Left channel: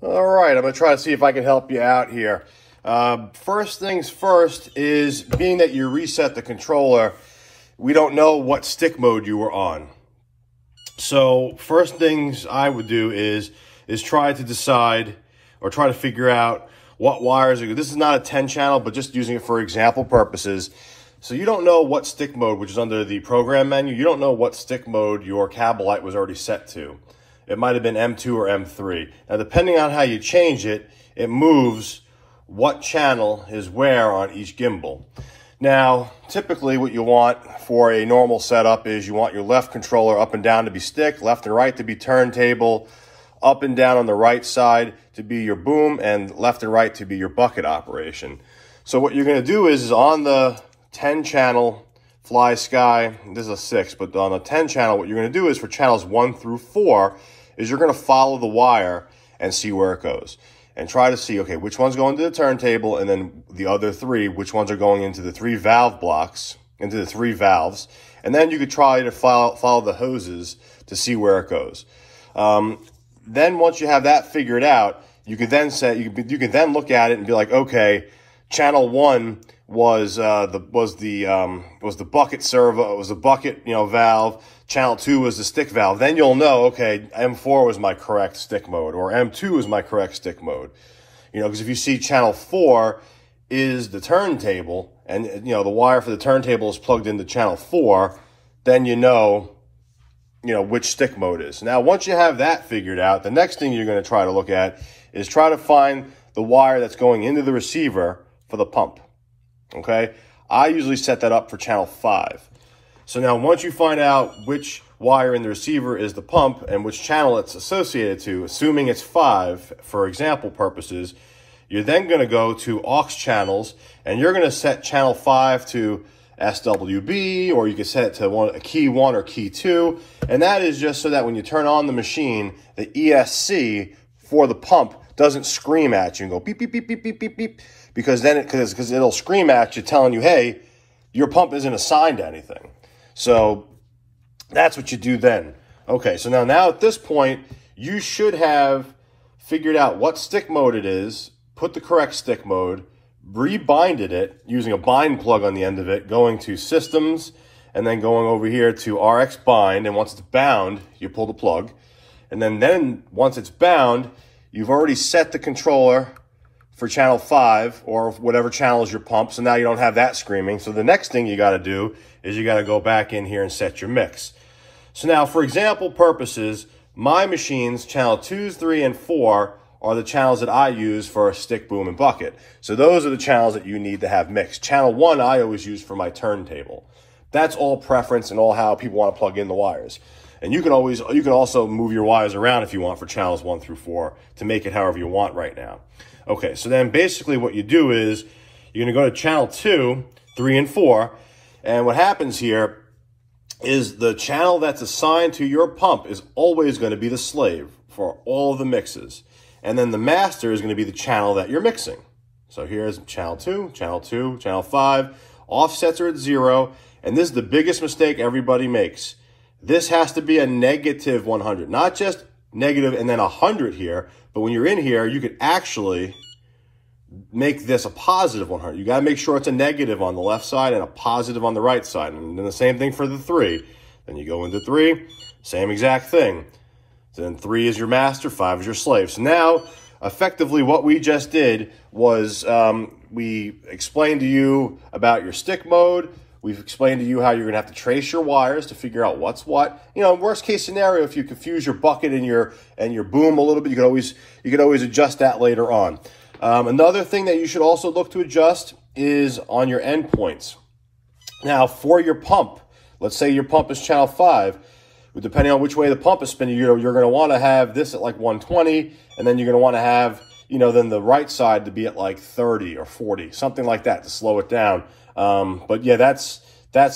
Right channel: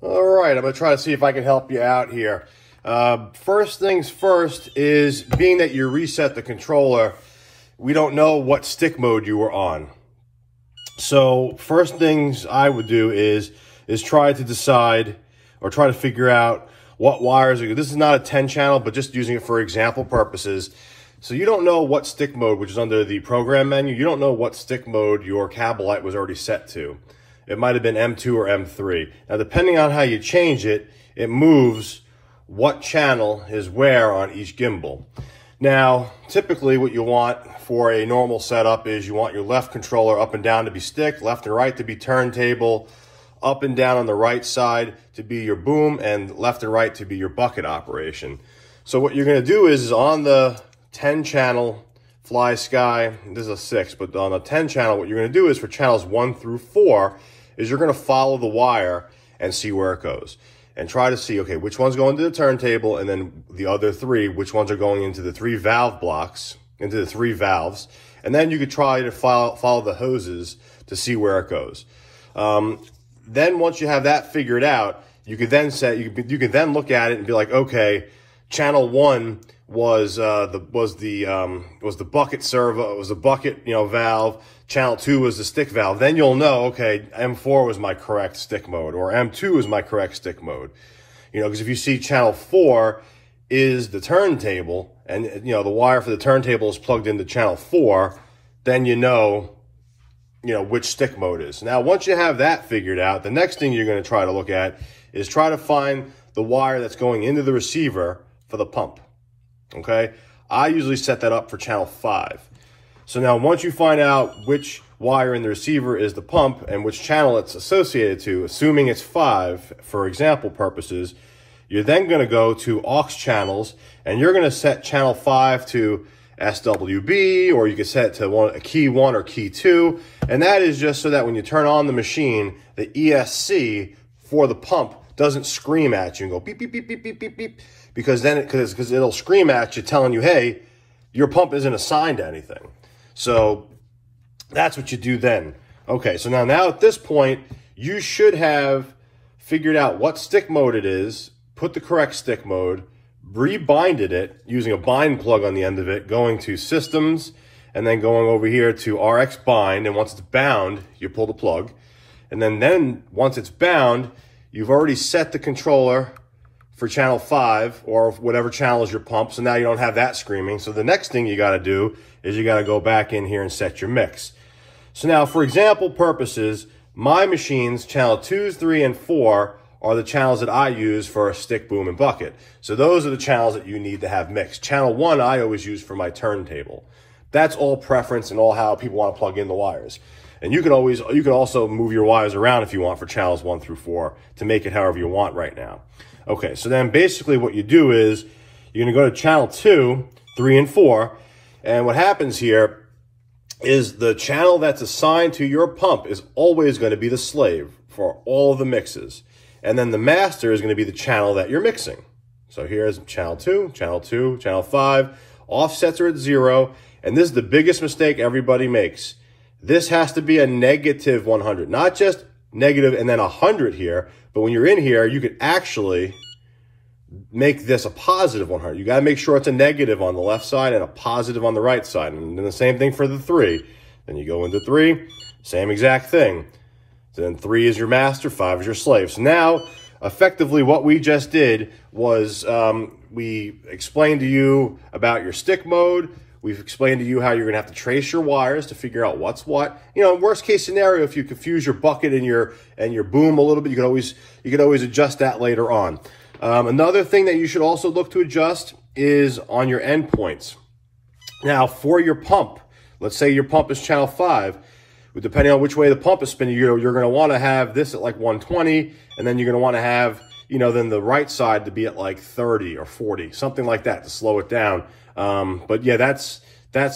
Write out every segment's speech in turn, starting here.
All right, I'm going to try to see if I can help you out here. First things first is, being that you reset the controller, we don't know what stick mode you were on. So first things I would do is try to decide or try to figure out what wires are good. This is not a 10 channel, but just using it for example purposes. So you don't know what stick mode, which is under the program menu, you don't know what stick mode your Kabolite was already set to. It might have been M2 or M3. Now, depending on how you change it, it moves what channel is where on each gimbal. Now, typically what you want for a normal setup is you want your left controller up and down to be stick, left and right to be turntable, up and down on the right side to be your boom, and left and right to be your bucket operation. So what you're going to do is on the 10 channel flysky, this is a 6, but on the 10 channel, what you're going to do is for channels 1 through 4 is you're going to follow the wire and see where it goes. And try to see, okay, which one's going to the turntable, and then the other 3, which ones are going into the 3 valve blocks, into the 3 valves. And then you could try to follow the hoses to see where it goes. Then once you have that figured out, you could then you can then look at it and be like, okay, channel 1 was the bucket servo, it was the bucket, valve. Channel 2 was the stick valve. Then you'll know, okay, M4 was my correct stick mode, or M2 is my correct stick mode. Because if you see channel 4 is the turntable, and the wire for the turntable is plugged into channel 4, then you know which stick mode is. Now, once you have that figured out, the next thing you're going to try to look at is try to find the wire that's going into the receiver for the pump. Okay? I usually set that up for channel 5. So now once you find out which wire in the receiver is the pump and which channel it's associated to, assuming it's 5 for example purposes, you're then going to go to aux channels and you're going to set channel 5 to SWB, or you can set it to a key 1 or key 2. And that is just so that when you turn on the machine, the ESC for the pump doesn't scream at you and go beep, beep, beep, beep, beep, beep, beep, because it'll scream at you telling you, hey, your pump isn't assigned to anything. So that's what you do then. Okay, so now at this point, you should have figured out what stick mode it is, put the correct stick mode, rebinded it using a bind plug on the end of it, going to systems, and then going over here to RX bind, and once it's bound, you pull the plug. And then once it's bound, you've already set the controller for channel 5 or whatever channel is your pump. So now you don't have that screaming. So the next thing you got to do is you got to go back in here and set your mix. So now for example purposes, my machines, channel 2, 3, and 4 are the channels that I use for stick, boom, and bucket. So those are the channels that you need to have mixed. Channel 1 I always use for my turntable. That's all preference and all how people want to plug in the wires. And you can also move your wires around if you want for channels 1 through 4 to make it however you want right now. Okay, so then basically what you do is you're going to go to channel 2, 3, and 4. And what happens here is the channel that's assigned to your pump is always going to be the slave for all of the mixes. And then the master is going to be the channel that you're mixing. So here's channel 2, channel 5. Offsets are at 0. And this is the biggest mistake everybody makes. This has to be a negative 100, not just negative and then 100 here. But when you're in here, you could actually make this a positive 100. You got to make sure it's a negative on the left side and a positive on the right side. And then the same thing for the 3. Then you go into 3, same exact thing. So then 3 is your master, 5 is your slave. So now, effectively, what we just did was we explained to you about your stick mode. We've explained to you how you're going to have to trace your wires to figure out what's what. Worst case scenario, if you confuse your bucket and your boom a little bit, you can always adjust that later on. Another thing that you should also look to adjust is on your endpoints. Now, for your pump, let's say your pump is channel 5. Depending on which way the pump is spinning, you're going to want to have this at like 120, and then you're going to want to have, then the right side to be at like 30 or 40, something like that to slow it down. But yeah, that's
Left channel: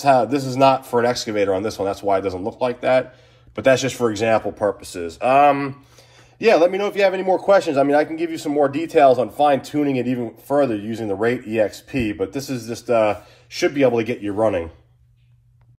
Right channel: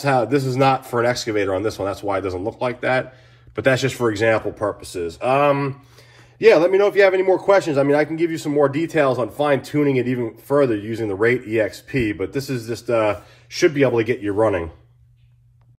how, this is not for an excavator on this one. That's why it doesn't look like that. But that's just for example purposes. Yeah, let me know if you have any more questions. I mean, I can give you some more details on fine tuning it even further using the Rate EXP, but this is just, should be able to get you running.